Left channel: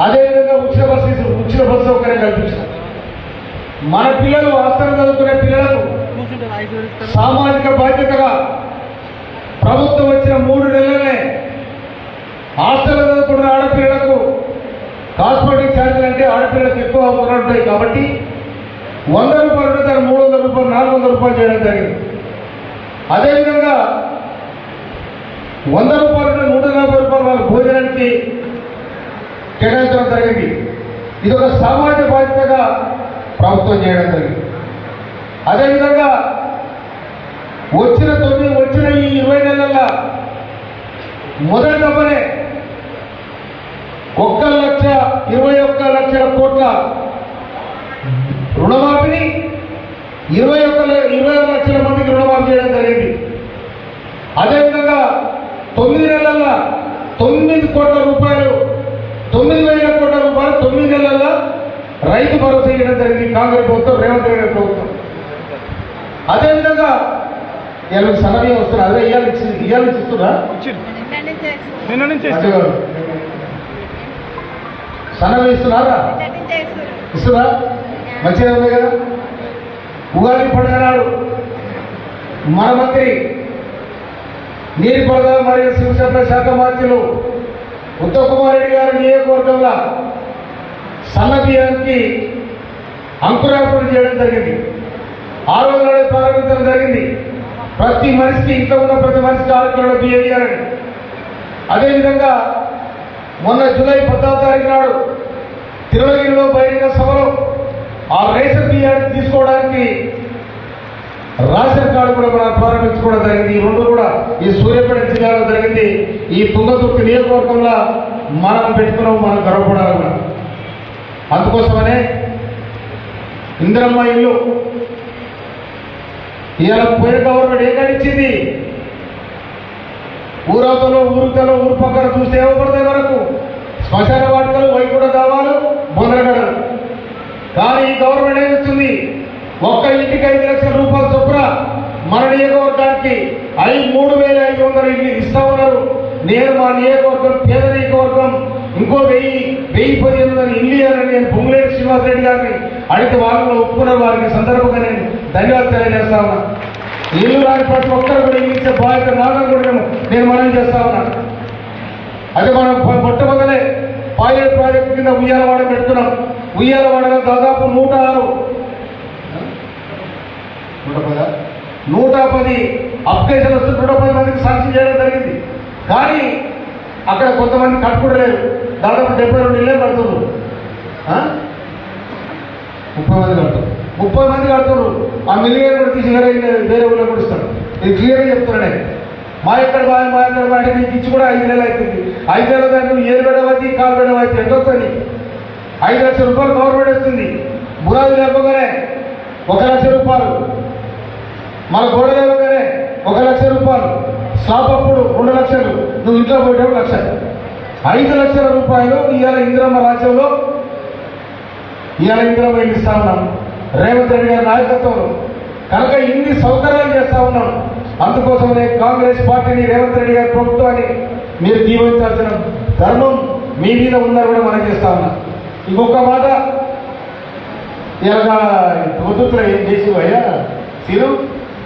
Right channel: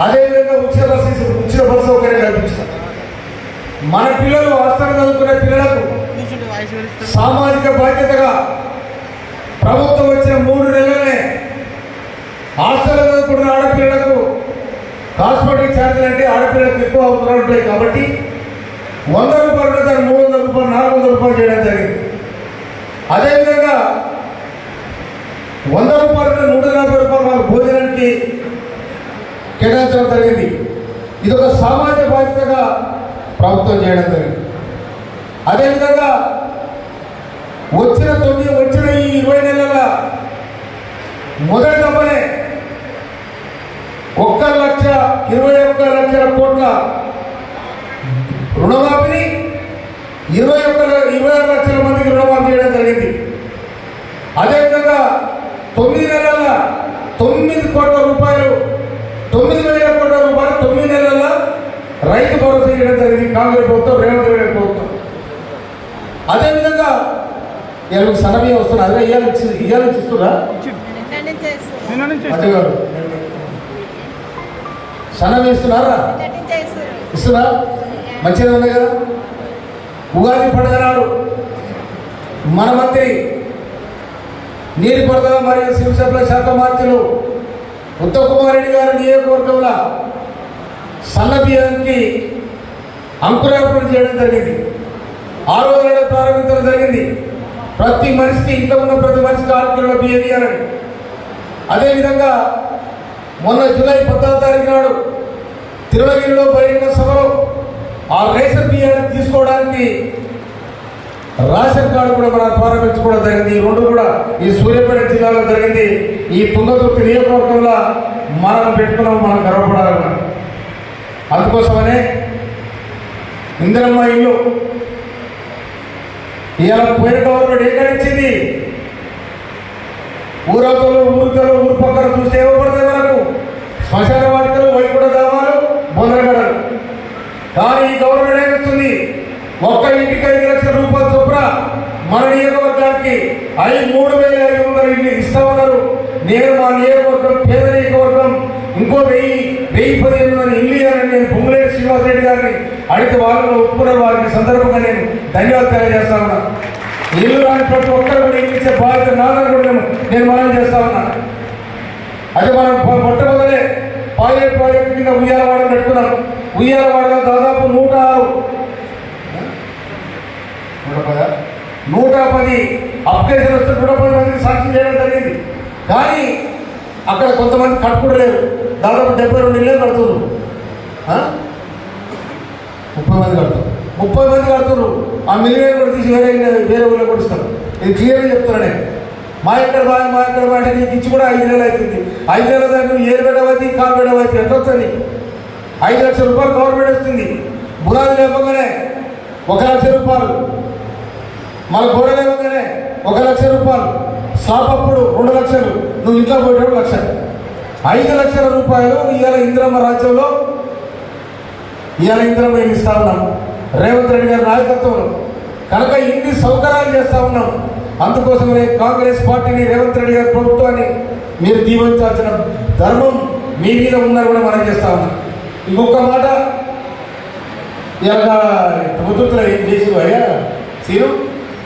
అదేవిధంగా ఉచిత బస్సు ఉచిత బస్సు సౌకర్యం కల్పించారు మన పిల్లలు వాస్తవం చదువుకునే పిల్లలకు సామాజిక బాధ్యతగా ప్రభుత్వం వచ్చిన మూడు నెలలనే హాస్టల్ చదువుకున్న ఆడపిల్లలకు హాస్పిటల్ ఛార్జీలు అంటే ఆడపిల్లలకు ఎక్కువ అవసరం ఉంటాయి కాబట్టి వంద రూపాయలు ఉంటే దాన్ని మూడు వందల రూపాయలు నాలుగు వందల రూపాయలు చేయడం జరిగింది. అదేవిధంగా వంద రూపాయలు ఉంటే నూట నలభై రూపాయలు వాళ్ళ భోజనానికి కేటాయించడం జరిగింది. ఇది ఒక సామాజిక బాధ్యతగా ప్రభుత్వం చేయడం జరిగింది. అదేవిధంగా వచ్చిన తొమ్మిది వచ్చిన ఈ ఇరవై నెలల మొదటి దప్పనే ఒక్క లక్ష ఇరవై ఒక్క లక్షల కోట్ల రుణమాఫీని ఇరవై ఒక్క ల- ఇరవై ఆరు లక్షల మందికి రుణమాఫీ చేయడం జరిగింది అదేవిధంగా తొమ్మిది నెలల తొమ్మిది కోట్ల రూపాయలు తొమ్మిది వేల కోట్ల రూపాయలు తొమ్మిది నెలల రైతు భరోసా చేయడం జరిగింది. కాంగ్రెస్ ప్రభుత్వం రేవంత్ రెడ్డి ప్రభుత్వం. అదేవిధంగా ఇవాళ సడమే వస్తున్నారు అదే ఇవాళ ఇచ్చి ఇవాళ సన్నమి ఇస్తున్నారా? ఇస్తున్నా మంచిగా ఉంది కదా. ఉగాది పండుగ నాడు మన మంత్రి నీటిపారుదల మరియు శివ సప్లై శాఖ మంత్రులు ఉత్తమ్ రెడ్డి గారి నియోజకవర్గంలో సన్న బియ్యానికి అంకురార్పణ చేయడం జరిగింది. ఆరోగ్య రోజునే ప్రారంభించడం జరిగింది. ప్రతి మనిషికి ఇంట్లో ఉన్న ప్రతి మనిషికి ఆరు బిహేవియర్ అని అదేవిధంగా మొన్న జూలై పద్నాలుగు తారీఖు నాడు తిరువగిరిలో బహిరంగ సభలో ఆ రేషన్ బియ్యాన్ని తీసుకోవడానికి రాషన్ కార్డు కూడా మనం ప్రారంభించుకోవడం జరిగింది. ఈ రెండు కూడా ఈ సూర్యాపేట జిల్లాలో జరిగింది. ఈ తుంగతుర్తి నియోజకవర్గంలో మనం పెట్టుకున్నాము మనం గర్వపడాలన్నా అందుకోసమనే ఇందిరమ్మ ఇల్లు ఇవాళ పోయిన గవర్నమెంట్ ఏం నడిచింది ఊరవతలు ఊరికలు ఊరు పక్కన చూస్తే ఇవ్వబడతాయి మనకు? శ్మశాన వార్తలు వైకుంఠ దావాలు బొందరగడలు కానీ ఈ గవర్నమెంట్ ఏమిస్తుంది ఒక్క ఇంటికి ఐదు లక్షల రూపాయల చొప్పున మన నియోజకవర్గానికి ఐదు మూడు వేల ఐదు వందల ఇల్లు నేను మా నియోజకవర్గం పేద నియోజకవర్గం ఇంకో వెయ్యి వెయ్యి పదిహేను వందల ఇల్లు అని నేను పొంగులేటి శ్రీనివాసరెడ్డి గారిని అడిగితే వాళ్ళు ఒప్పుకున్నారు వారికి సందర్భంగా నేను ధన్యవాదాలు తెలియజేస్తా ఉన్నా. ఇల్లు రాని ప్రతి ఒక్కరు కూడా ఇల్లు ఇచ్చే బాధ్యత నాదని కూడా నేను మనం చేస్తా ఉన్నా. అదే మనం మొట్టమొదలే పైలట్ ప్రాజెక్ట్ కింద ఉయ్యాలవాడ పెట్టుకున్నాం. ఉయ్యాలవాడలో దాదాపు నూట ఆరు నూట నూట పది అప్లికేషన్ వస్తే నూట పది మందికి సాక్షి చేయడం జరిగింది కానీ అక్కడ కొంతమంది కట్టుకుంటలేరు దాదాపు డెబ్బై రెండు ఇల్లే కడుతున్నారు ముప్పై మంది కడతారు ముప్పై మంది కడుతున్నారు ఆ మిలియన్ కూడా తీసి వేరే వేరే ఊళ్ళో కొడుస్తారు ఇస్తారు. ఇది క్లియర్గా చెప్తున్నా నేను మా ఎక్కడ మా మా ఎక్కడ నీకు ఇచ్చి కూడా ఐదు నెలలు అవుతుంది. ఐదు నెలల దాకా నువ్వు ఏడు బెడవైతే కాలు బెడవైతే ఎంత వస్తుంది? ఐదు లక్షల రూపాయలు గవర్నమెంట్ ఇస్తుంది. బురాలు లేపగానే ఒక లక్ష రూపాయలు. మన గోడ లేవగానే ఒక లక్ష రూపాయలు. స్లాప్ అప్పుడు రెండు లక్షలు. నువ్వు ఇంట్లో పోయేటప్పుడు లక్ష. ఐదు లక్షల రూపాయలు ఇవాళ ఇందిరమ్మ రాజ్యంలో. ఇవాళ ఇందులో మేము ఇస్తా ఉన్నాం రేవంత్ రెడ్డి గారి నాయకత్వంలో. కనుక ఇన్ని సౌకర్యాలు చేస్తా ఉన్నాం. అందుకోసమనే కాంగ్రెస్ పార్టీని రేవంత్ రెడ్డి గారి ప్రభుత్వాన్ని మీరు దీవించాల్సిన ధర్మం మీ మీద ఉన్నారు కూడా మనం చేస్తా ఉన్నాం. ఇంకొక మాట. ఇలాగా ప్రభుత్వం ఏం చేసి అయ్యా సీరు